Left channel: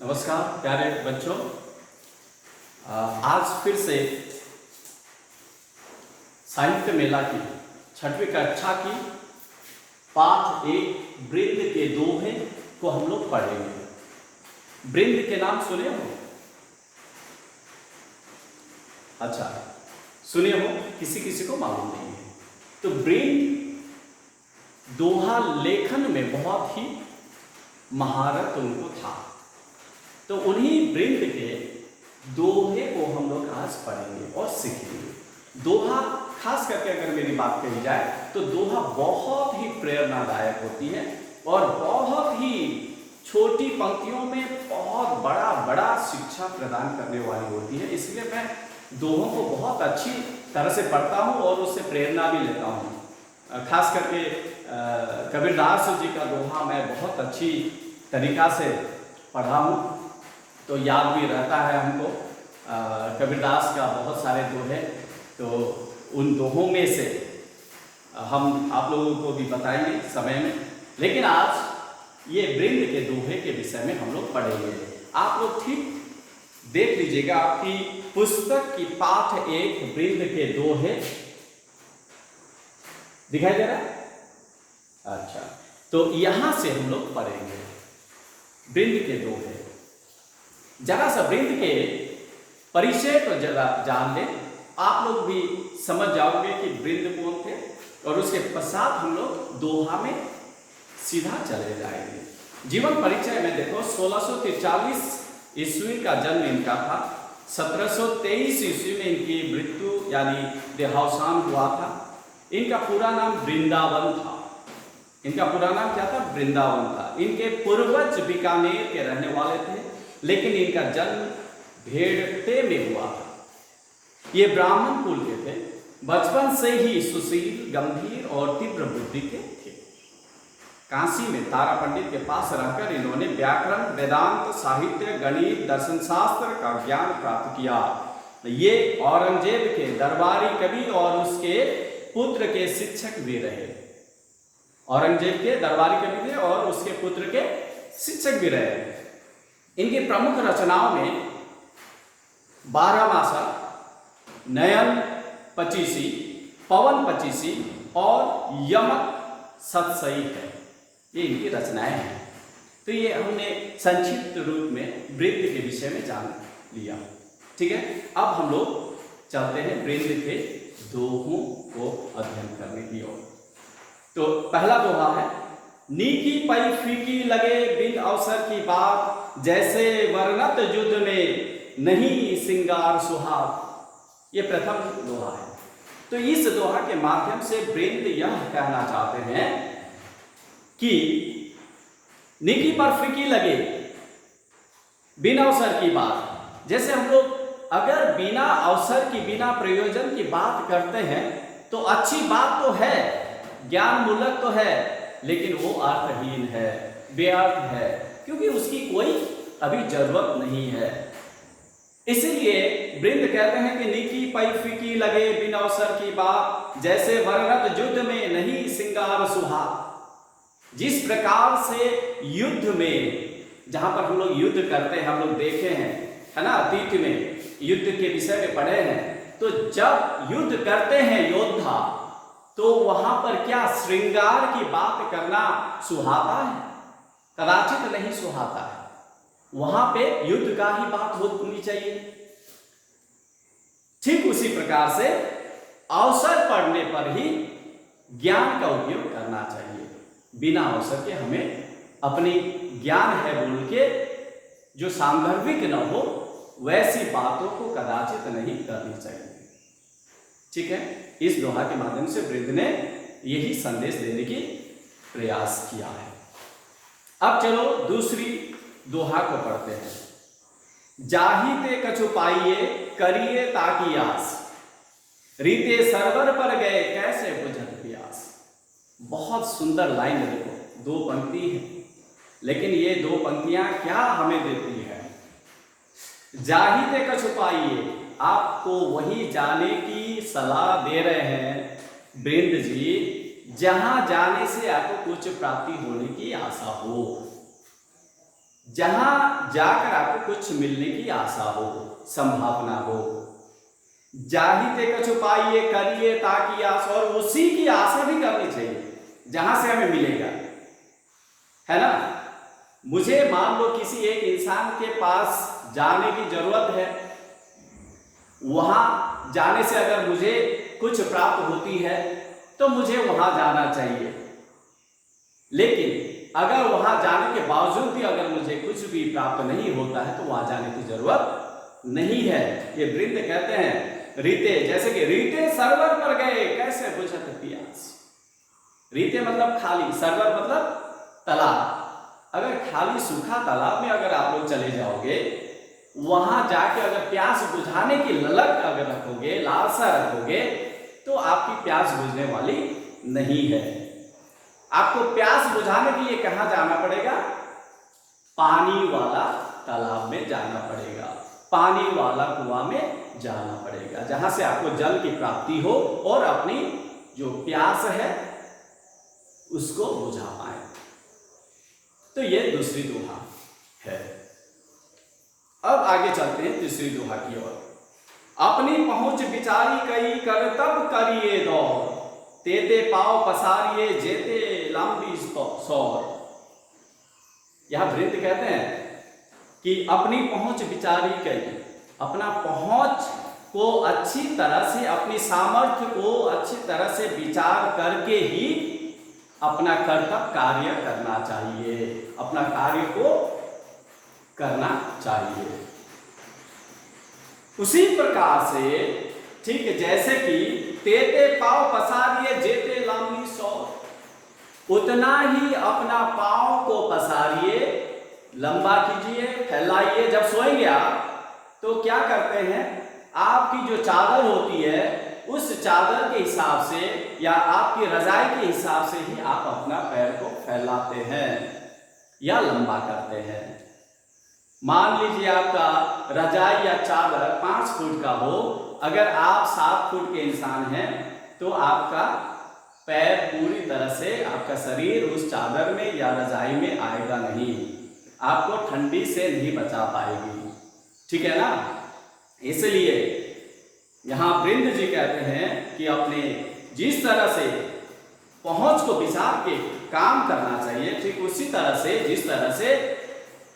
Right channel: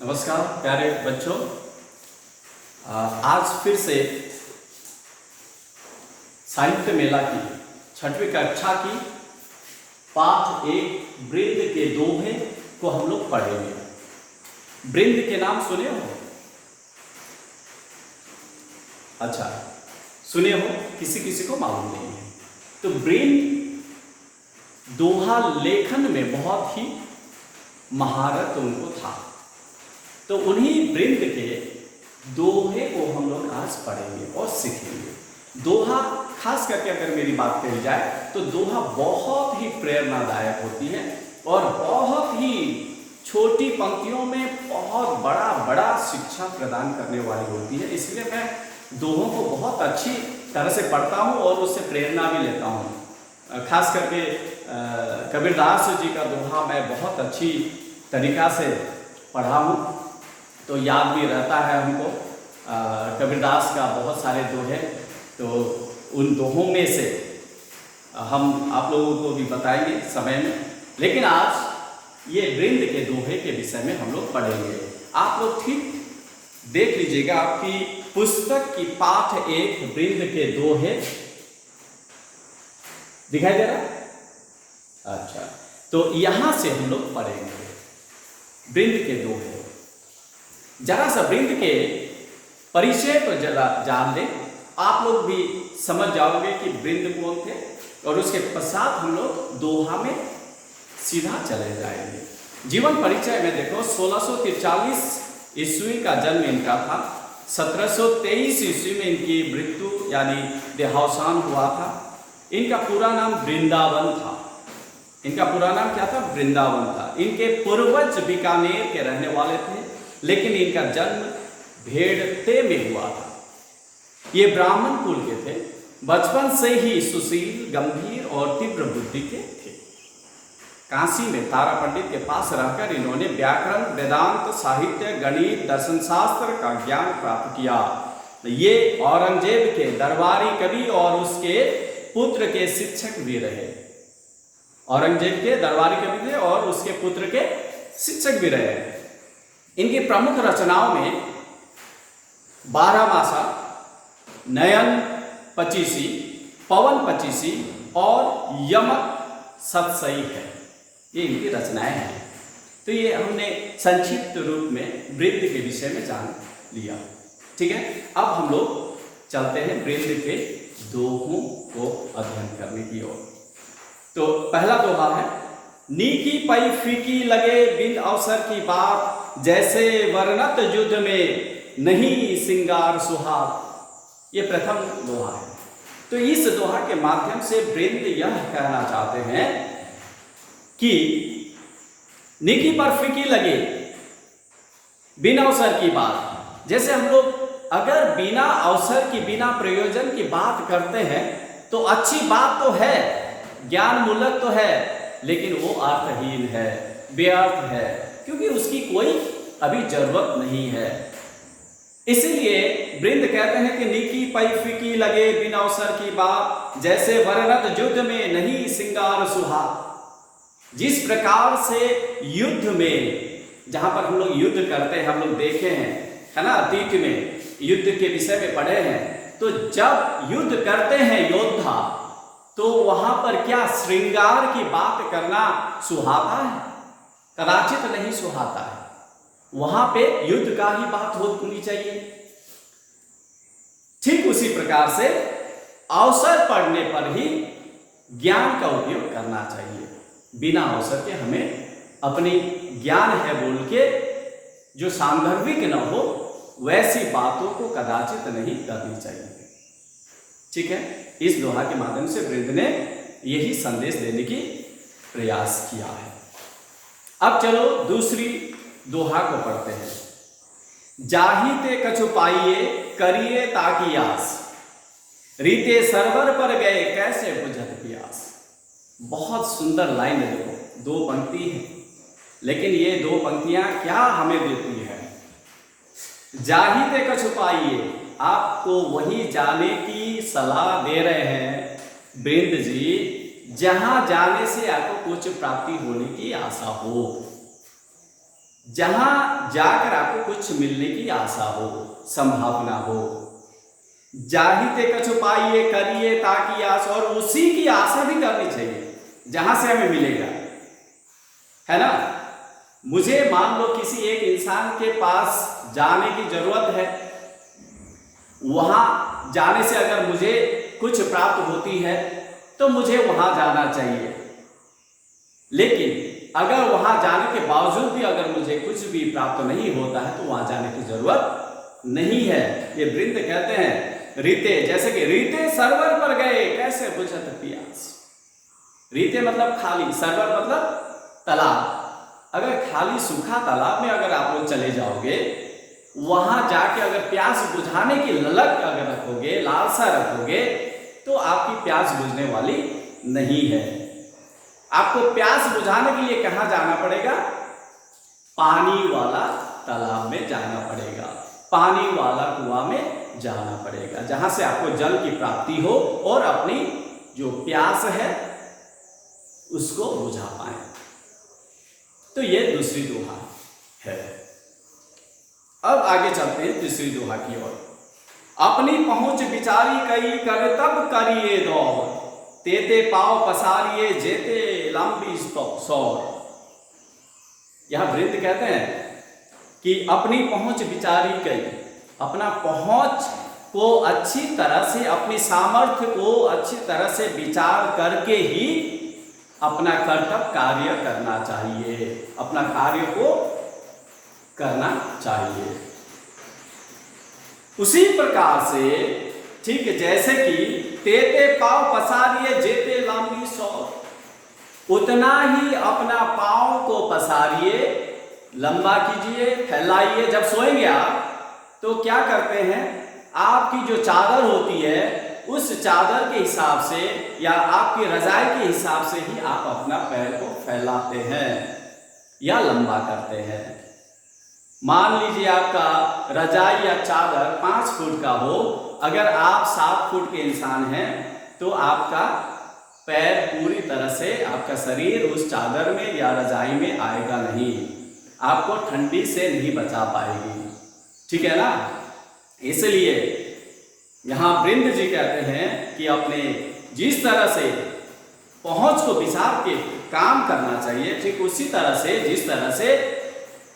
नमस्कार प्यारे बच्चों। आज फिर से साहित्य मेला की 6वीं कक्षा की पाठ 1 वृंद के दोहे को हम लोग पढ़ेंगे। वृंद के नाम सुने हो? अच्छा, सुने हो? किसी किसी को मालूम नहीं है। तो वृंद दोहा लेखन में बहुत ही महारत उनको था, तो उन्हीं वृंद के दोहे को हम लोग आज पढ़ेंगे और सीखेंगे। दोहा खास करके अगर मेरी बात कही जाए तो दोहा बहुत ही प्रेरणादायक होती है और बहुत ही छोटी पंक्तियों में बहुत बड़ा शिक्षा प्रदान करने वाली होती है। इसलिए मैं दोहों को बहुत अच्छी तरह से पढ़ता हूँ और उससे प्रेरणा भी लेता हूँ। खास करके कबीरदास जी का दोहा मैं बहुत अच्छी तरीका से पढ़ा हूँ, तो याद भी रहता है हमको। कबीरदास का बहुत सारे दोहे, तो उन दोहों में से हम आप लोगों को भी बताएंगे समय में। लेकिन आज ये वृंद के दोहे के विषय में हम लोग पढ़ेंगे। आप लोग ठीक देख लीजिएगा, आपकी पुस्तक की पाठ 1 वृंद के दोहे दिखाई दे रहा है? अच्छा, तो यहां से हम लोग पढ़ेंगे वृंद के दोहे। जरा सा वृंद के परिचय तो जरा जान लें, आप लोग भी समझ जाओगे कि वृंद कौन थे, और उसके पश्चात हम लोग दोहा में सीधा चले जाएंगे। जीवन परिचय में देखो, 1643 ईस्वी का जन्म इनका था। 1723 ईस्वी में इनकी मृत्यु यानी देहावसान हुआ था। इनका पूरा नाम वृंदावन था। इनका पूरा नाम क्या था? वृंदावन था। इनके पूर्वज बीकानेर के रहने वाले थे, लेकिन इनका जन्म भेड़ते में हुआ था। ये ब्राह्मण कुल के थे। बचपन से ही सुशील, गंभीर और तीव्र बुद्धि के थे। काशी में तारा पंडित के पास रहकर इन्होंने व्याकरण, वेदांत, साहित्य, गणित, दर्शन शास्त्र का ज्ञान प्राप्त किया। ये औरंगजेब के दरबारी कवि और उसके पुत्र के शिक्षक भी रहे। औरंगजेब के दरबारी कवि थे और उसके पुत्र के शिक्षक भी रहे। इनकी प्रमुख रचनाओं में 12मासा, नयन पचीसी, पवन पचीसी और यमक सतसई है। ये इनकी रचनाएं हैं। तो ये हमने संक्षिप्त रूप में वृंद के विषय में जान लिया। ठीक है, अब हम लोग चलते हैं वृंद के दोहों को अध्ययन करने की ओर। तो पहला दोहा है, नीकी पई फीकी लगे बिन अवसर की बात, जैसे वर्णत युद्ध में नहीं सिंगार सुहाग। ये प्रथम दोहा है। तो इस दोहा के माध्यम से वृंद यह कहना चाहते हैं कि नीकी पर फीकी लगे बिन अवसर की बात। जैसे हम लोग अगर बिना अवसर की, बिना प्रयोजन की बात करते हैं तो अच्छी बात तो है, ज्ञान मूलक तो है, लेकिन वो अर्थहीन है, व्यर्थ है, क्योंकि उसकी कोई अभी जरूरत नहीं है। इसीलिए वृंद कहते हैं कि नीकी पई फीकी लगे बिन अवसर की बात, जैसे वर्णत युद्ध में नहीं सिंगार सुहाग। जिस प्रकार से युद्ध में, जहां पर हम लोग युद्ध करते हैं, हम लोग देखे हैं, है ना, अतीत में युद्ध के विषय में पढ़े हैं। तो जब युद्ध करते हैं योद्धा, तो वहां पर क्या श्रृंगार की बात करना सुहाता है? कदाचित नहीं सुहाता है। वहां पे युद्ध का ही बात होनी चाहिए। ठीक उसी प्रकार से अवसर पड़ने पर ही ज्ञान का उपयोग करना चाहिए। बिना अवसर के हमें अपनी ज्ञान है बोल के जो सांदर्भिक न हो वैसी बातों को कदाचित नहीं करनी चाहिए। ठीक है, इस दोहा के माध्यम से वृंद ने यही संदेश देने की प्रयास किया है। अब चलो दूसरी दोहा को पढ़ते हैं। जाही ते कछु पाइए करिए ताकि आस, रीते सरवर पर गए कैसे बुझत प्यास। बहुत सुंदर लाइन है, देखो, 2 पंक्ति है, लेकिन ये 2 पंक्तियां क्या हमें देती है? जाही ते कछु पाइए, आपको वही जाने की सलाह दे रहे हैं वृंद जी जहां जाने से आपको कुछ प्राप्ति होने की आशा हो। जहां जाकर आपको कुछ मिलने की आशा हो, संभावना हो। जाहिते कछु पाइए करिए ताकि आस, और उसी की आशा भी करनी चाहिए जहां से हमें मिलेगा, है ना। मुझे मान लो किसी एक इंसान के पास जाने की जरूरत है, वहां जाने से अगर मुझे कुछ प्राप्त होती है तो मुझे वहां जाना चाहिए। लेकिन अगर वहां जाने के बावजूद भी अगर मुझे कुछ भी प्राप्त नहीं होता है तो वहां जाने की जरूरत नहीं है। ये वृंद कहते हैं रीते, जैसे कि रीते सरोवर पर गए कैसे बुझत प्यास। रीते मतलब खाली, सरोवर मतलब तालाब। अगर खाली सूखा तालाब में अगर आप लोग चले जाओगे, वहां जाके अगर प्यास बुझाने की ललक अगर रखोगे, लालसा रखोगे, तो आपकी प्यास बुझने वाली नहीं है। आपको प्यास बुझाने के लिए कहां जाना पड़ेगा? पानी वाला तालाब में जाना पड़ेगा, पानी वाला कुआं में जाना पड़ेगा, जहां से आपको जल की प्राप्ति हो और अपनी जो प्यास है उसको बुझा पाए। तो ये दूसरी दोहा है। अब आगे चलते हैं तीसरी दोहा की ओर। अपनी पहुंच विचारी कई कर तब करिए दौड़, तेते पाव पसारिए जेते लंबी सौर। यह वृंद कहते हैं कि अपनी पहुंच विचारी कई, अपना पहुंच को अच्छी तरह से, अपनी सामर्थ्य को अच्छी तरह से विचार करके ही अपना कर्तव्य कार्य करना चाहिए, अपना कार्य को करना चाहिए। उसी प्रकार से ठीक जैसे कि तेते पाव पसारिए जेते लंबी सौर, उतना ही अपना पांव को पसारिए, लंबा कीजिए, फैलाइए। जब सोएंगे आप तो क्या करते हैं, आपकी जो चादर होती है उस चादर के हिसाब से या आपकी रजाई के हिसाब से ही आप अपना पैर को फैलाते हैं या लंबा करते हैं। मान लीजिए आपका रजाई या चादर 5 फुट का हो, अगर आप 7 फुट के इंसान हैं तो आपका पैर पूरी तरह से, आपका शरीर उस चादर में या रजाई में आएगा नहीं, आपको ठंडी से नहीं बचा पाएगी, ठीक है ना। इसलिए यहाँ वृंद जी कहते हैं कि अपने जिस तरह से पहुंच को विचार के काम करना चाहिए, ठीक उसी तरह से जिस तरह से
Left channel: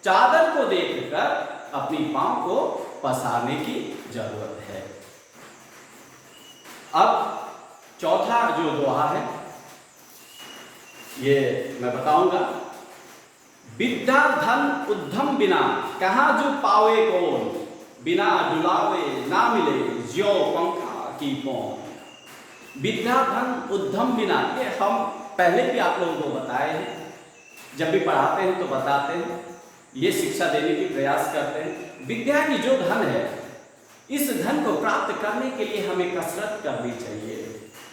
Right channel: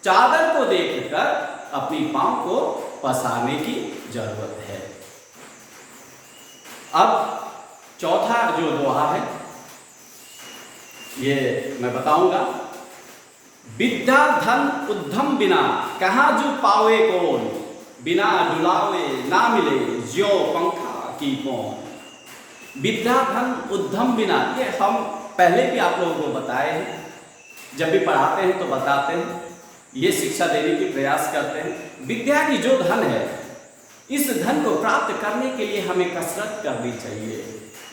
चादर को देखकर अपनी पांव को पसारने की जरूरत है। अब चौथा जो दोहा है ये मैं बताऊंगा। विद्या धन उद्यम बिना कहाँ जो पावे कौन, बिना डुलावे ना मिले ज्यो पंखा की कौन। विद्या धन उद्यम बिना, ये हम पहले भी आप लोगों को बताए हैं, जब भी पढ़ाते हैं तो बताते हैं, ये शिक्षा देने की प्रयास करते हैं। विद्या की जो धन है, इस धन को प्राप्त करने के लिए हमें कसरत करनी चाहिए।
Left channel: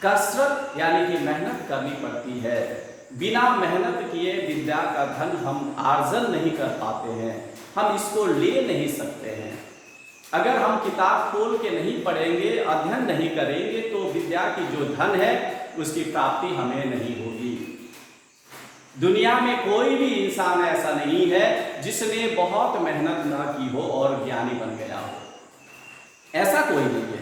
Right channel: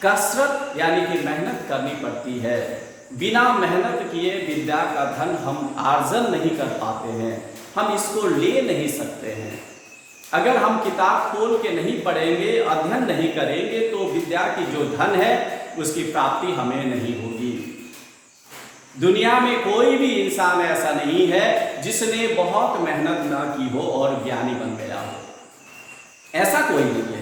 कसरत यानी कि मेहनत करनी पड़ती है। बिना मेहनत किए विद्या का धन हम अर्जन नहीं कर पाते हैं, हम इसको ले नहीं सकते हैं। अगर हम किताब खोल के नहीं पढ़ेंगे, अध्ययन नहीं करेंगे, तो विद्या की जो धन है उसकी प्राप्ति हमें नहीं होगी। दुनिया में कोई भी इंसान ऐसा नहीं है जिसने बहुत मेहनत ना की हो और ज्ञानी बन गया हो, ऐसा कोई नहीं है।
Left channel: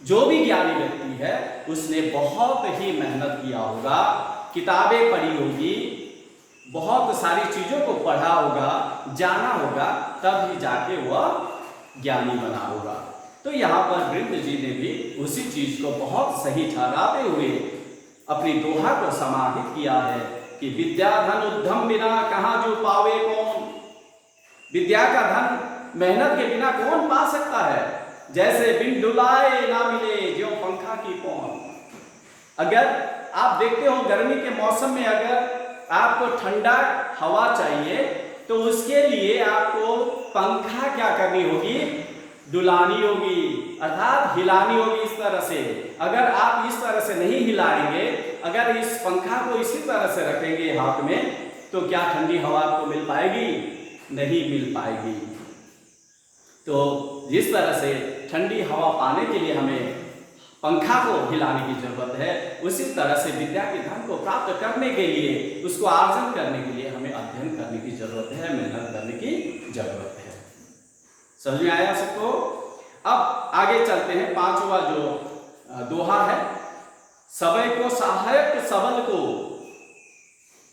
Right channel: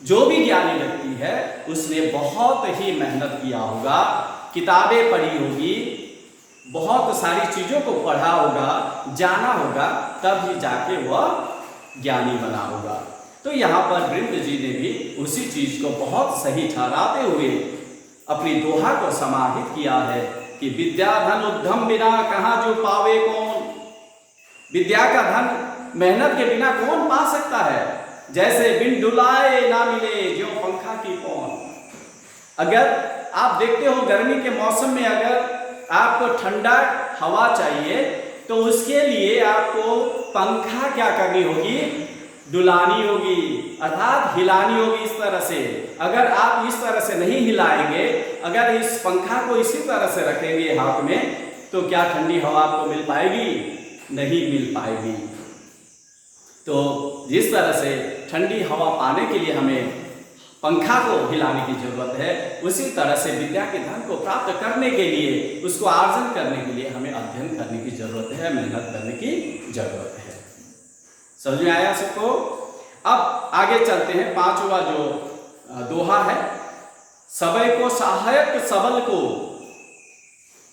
जो भी ज्ञानी व्यक्ति है उसने बहुत ही मेहनत किया होगा, किताबें पढ़ी होगी, बहुत सारी चीज़ों को पढ़ा होगा, जाना होगा, तब ही जाके वह ज्ञानी बना होगा। तो यहाँ पर वृंद जी ने भी उसी चीज को बहुत सही ठहराते हुए अपनी दोहा को समाहित किया है कि विद्या धन उद्यम बिना कहाँ जो पावे कौन। विद्या का धन मेहनत के बिना कौन पा सकता है। जैसे बिन डुलाए ना मिले ज्यों पंखा की कौन। अगर आप देखते हो गर्मी के मौसम में अगर आपको ठंडा हवा चाहिए तो उसके लिए आपको पंखा क्या करनी होगी, डुलानी होगी, अर्थात हिलानी होगी इस तरह से। अगर आप इस तरह से नहीं हिलाएंगे, अगर इस पंखा को इसी तरह से रखेंगे हाथ में, तो क्या ठंडी हवा आपको मिल पाएगी? नहीं मिल पाएगी। तो जिस तरह से ठंडी हवा पाने के लिए हमें पंखा को हिलाने की जरूरत है, उसी तरह से विद्या के धन को प्राप्त करने के लिए, उसको आर्जन करने के लिए हमें अध्ययन करने की जरूरत है, मेहनत करने की जरूरत है। समझ में आया सबको? अब आगे चलते हैं। पांचवा जो दोहा है, सबय को सहायक सबल को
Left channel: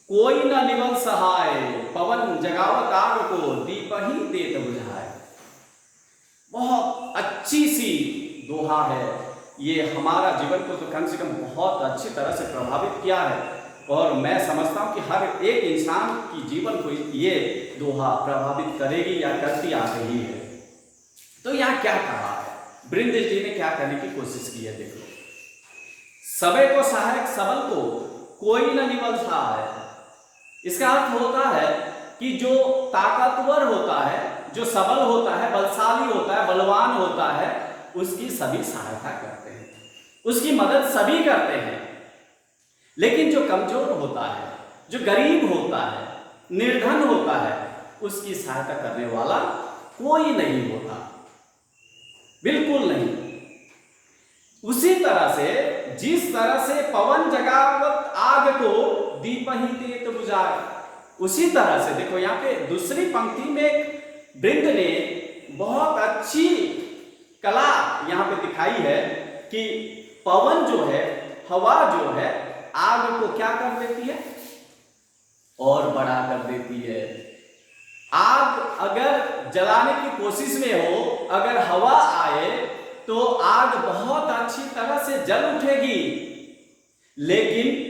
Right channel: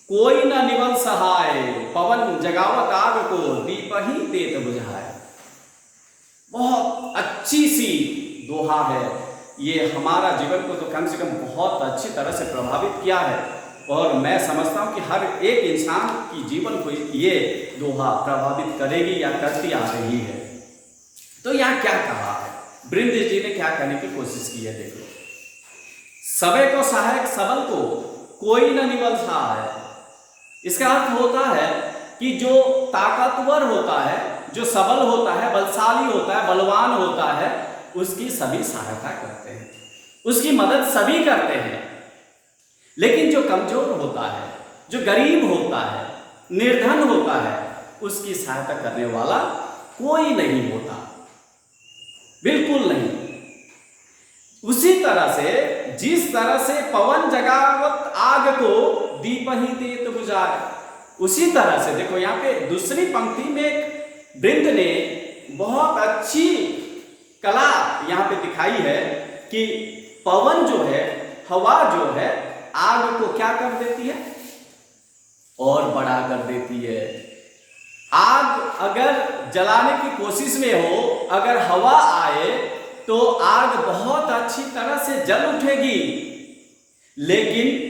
कोई न निवन सहाय, पवन जगावत आग को दीप ही देत बुझाए। बहुत अच्छी सी दोहा है ये, हमारा जीवन को तो कम से कम बहुत अच्छी तरह से प्रभावित किया है, और मैं समझता हूँ कि हर एक इंसान की जीवन को ये दोहा प्रभावित करेगी या करती आ रही है। तो यहाँ क्या कहा है, बृंद जी ने क्या करने की कोशिश की है, देखो। सबय को सहायक सबल को कोई न निबल सहाय। इसका अर्थ होता है कि जो ताकतवर होता है, जो सबल होता है, बलशाली होता है, बलवान होता है, उसकी सभी सहायता करते हैं, उसकी मदद सभी करते हैं। लेकिन जो कमजोर होता है, जो गरीब होता है, निर्धन होता है, उसकी सहायता करने वाला कोई नहीं होता, बिल्कुल नहीं। उसी तरह से जिस तरह से पवन जगावत आग को दीप ही देत बुझाए, उसी तरह से देखो यहाँ पे दूसरी पंक्ति में वृंद ने बहुत अच्छी कला यहाँ पे दिखाई है कि पवन जो है, हवा जो है, आग को क्या कर देती है, और बड़ा कर देती है। आग अगर जलाने की कोशिश में हो, अगर हवा आए तो आग बहुत अच्छी तरह से जल उठेगी। लेकिन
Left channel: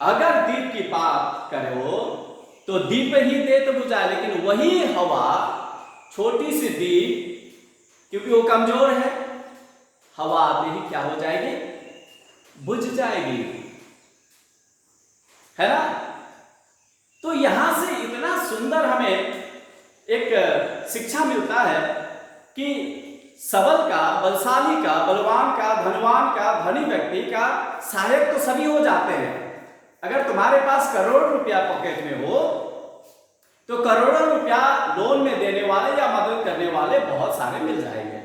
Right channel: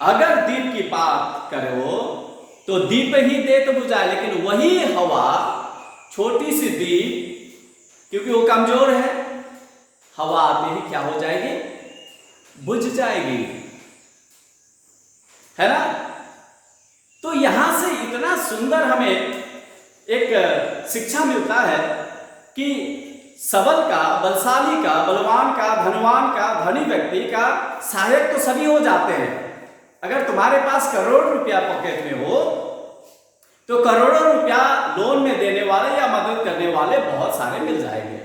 अगर दीप की बात करो तो दीप ही देत बुझाए, लेकिन वही हवा, छोटी सी दीप, क्योंकि वो कमजोर है, हवा आते ही क्या हो जाएगी, बुझ जाएगी, है ना। तो यहां से इतना सुंदर हमें एक शिक्षा मिलता है कि सबल का, बलशाली का, बलवान का, धनवान का, धनी व्यक्ति का सहायक तो सभी हो जाते हैं। अगर तुम्हारे पास करोड़ रुपया पॉकेट में हो तो करोड़ों रुपया लोन में देने वाले या मदद करने वाले बहुत सारे मिल जाएंगे।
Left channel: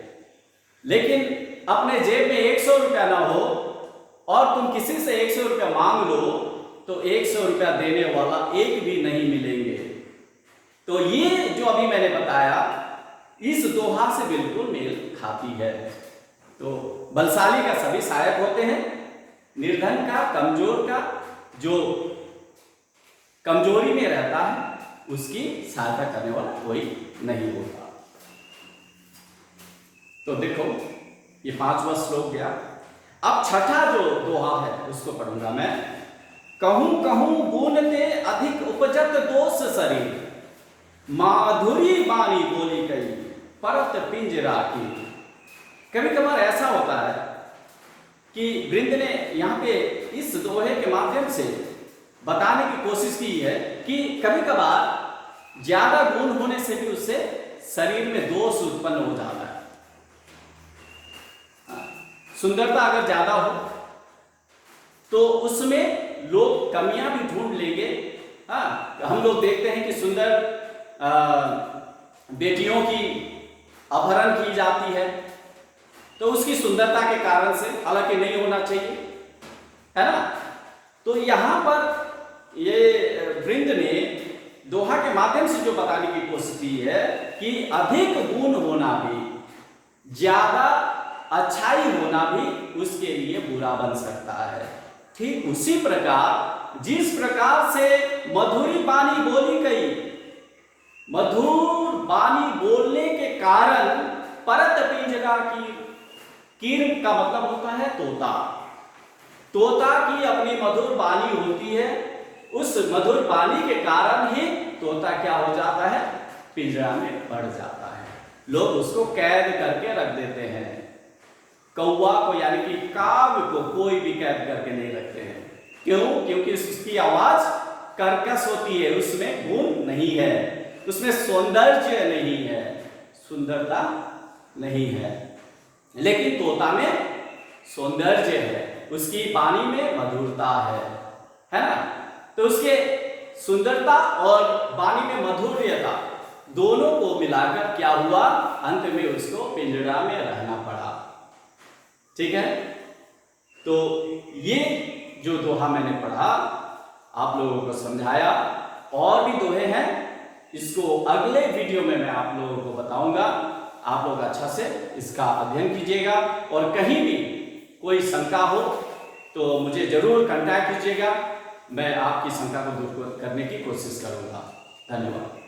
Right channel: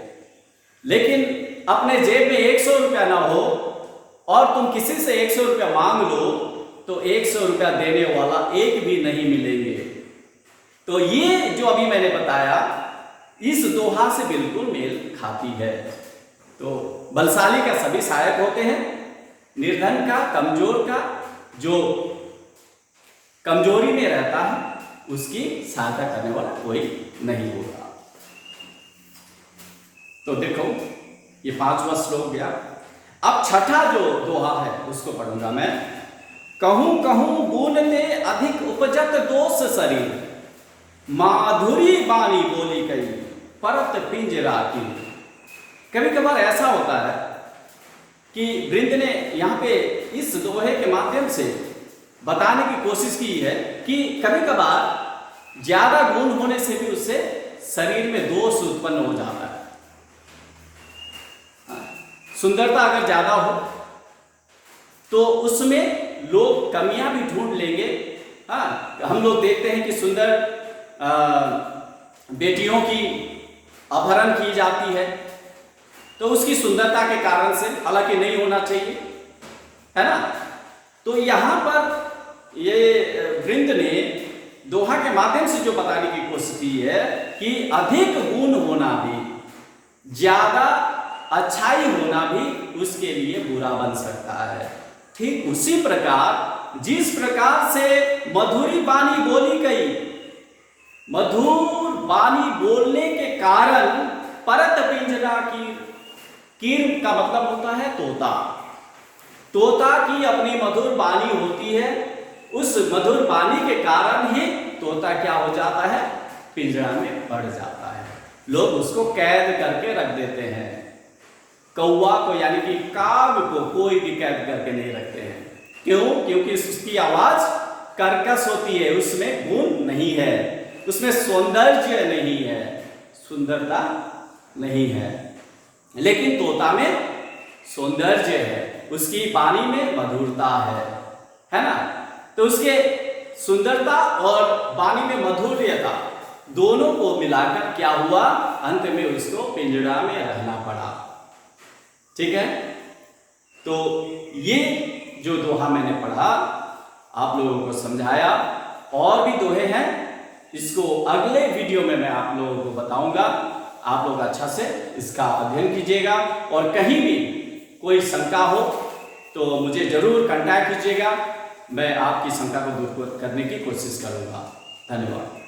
लेकिन अपने जेब में 100 रुपया ना हो और तुम किसी से 100 रुपया मांग लो तो 100 रुपया देने वाला एक भी नहीं मिलेंगे। तो ये जो अभी मैंने बताया इस दोहा से बिल्कुल मेल खाती है। तो बलशाली का सभी सहायक होते हैं, निर्धन का, कमजोर का, जो कमजोरी में रहता है उसकी सहायता करने वाला कोई नहीं होगा। तो देखो ये 5वां श्लोक गया। अब छठा जो दोहा है उसको पढ़ूंगा मैं। कहूं कहूं गुण ते अधिक उपजत दोष शरीर, माधुरी बानी बोली कई परत पिंजराती। कभी कभार ऐसा होता है कि वृंद ने यहाँ पे इस दोहे के माध्यम से बताने की कोशिश की है कि कभी कभार ज्यादा गुण होने से भी उससे शरीर में दोष उत्पन्न हो जाता है। सुंदरता अगर ज्यादा हो तो उसमें लोग कमियां भी ढूंढ लेंगे। हाँ, हम लोग देखते हैं कि सुंदर बेटियों की अपहरण की जाती है तो उसकी सुंदरता के कारण से, हालांकि नहीं होना चाहिए, है ना। तो यहां पर ये वृंद ने दोहा के माध्यम से जो बताने की कोशिश की है कि अधिक गुण होना भी, ज्यादा अच्छाई होना भी उसके लिए बुरा बन सकता है। ठीक उसी प्रकार जिस प्रकार से मधुरी बानी बोली गई, मधुर बानी बोलने के कारण परत पिंजरा की, कीर का मतलब होता है तोता, तोता की अपनी मधुर बानी होती है, उस मधुर बानी के कारण ही तोता क्या हो जाता है, पिंजरा में बढ़ जाता है। लोग उसको कैद करके रख देते हैं। कौवा को यानी कि काग को कोई भी कैद करके नहीं रखते हैं। क्यों? क्योंकि उसकी आवाज कर्कश होती है, उसमें गुण नहीं है, उसमें सौंदर्य नहीं है, सुंदरता नहीं है। लेकिन तोता में सौंदर्य है, उसकी वाणी में मधुरता है ना। तो उसके सुंदरता और वाणी में मधुर्यता दोनों को मिलाकर क्या हुआ, अंत में उसको पिंजरा में रहना पड़ा। ठीक है। तो ये जो दोहा मैंने पढ़ा, आप लोगों को समझाया, और भी दोहे हैं, इसको अगले वीडियो में मैं आप लोगों को बताऊंगा। आप लोग अच्छा से इसका अध्ययन कीजिएगा, और कहीं भी कोई शंका हो तो मुझे जरूर कांटेक्ट कीजिएगा। मैं आपकी शंका को दूर करने की कोशिश करूंगा। धन्यवाद।